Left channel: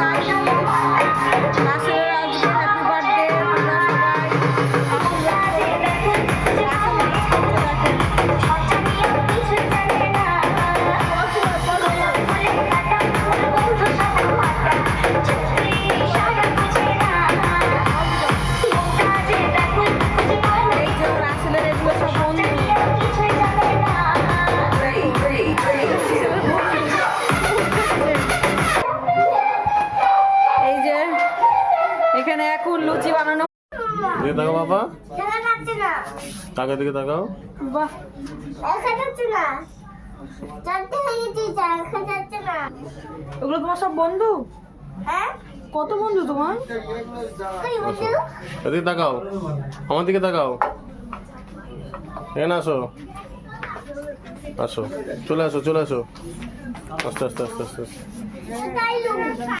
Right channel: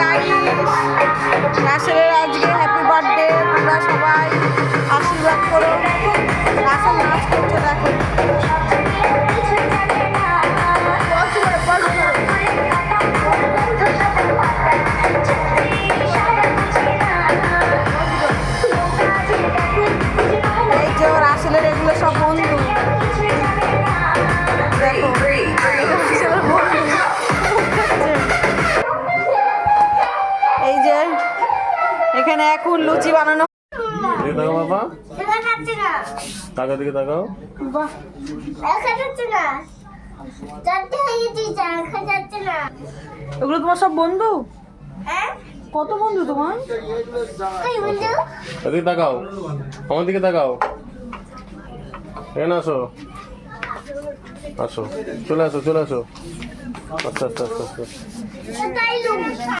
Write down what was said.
Guys, রাসেলের আজকে happy birthday. তোমরা সবাই আশীর্বাদ করো। রাসেল নাচ করছে, দেখো। এই যে রাসেলের এগুলো সব বন্ধু, এই যে এখানে এখন লুচি বানানো। তাকাও বাবা, টাকা দিকে তাকাও। বাহ, এগুলো তোমার সব বন্ধু? কত বন্ধু তোমার? এদিকে তাকাও, আমার দিকে তাকাও। এখানে আসো, আসো, চলে আসো, চলে আসো, আস্তে আস্তে আস্তে আস্তে।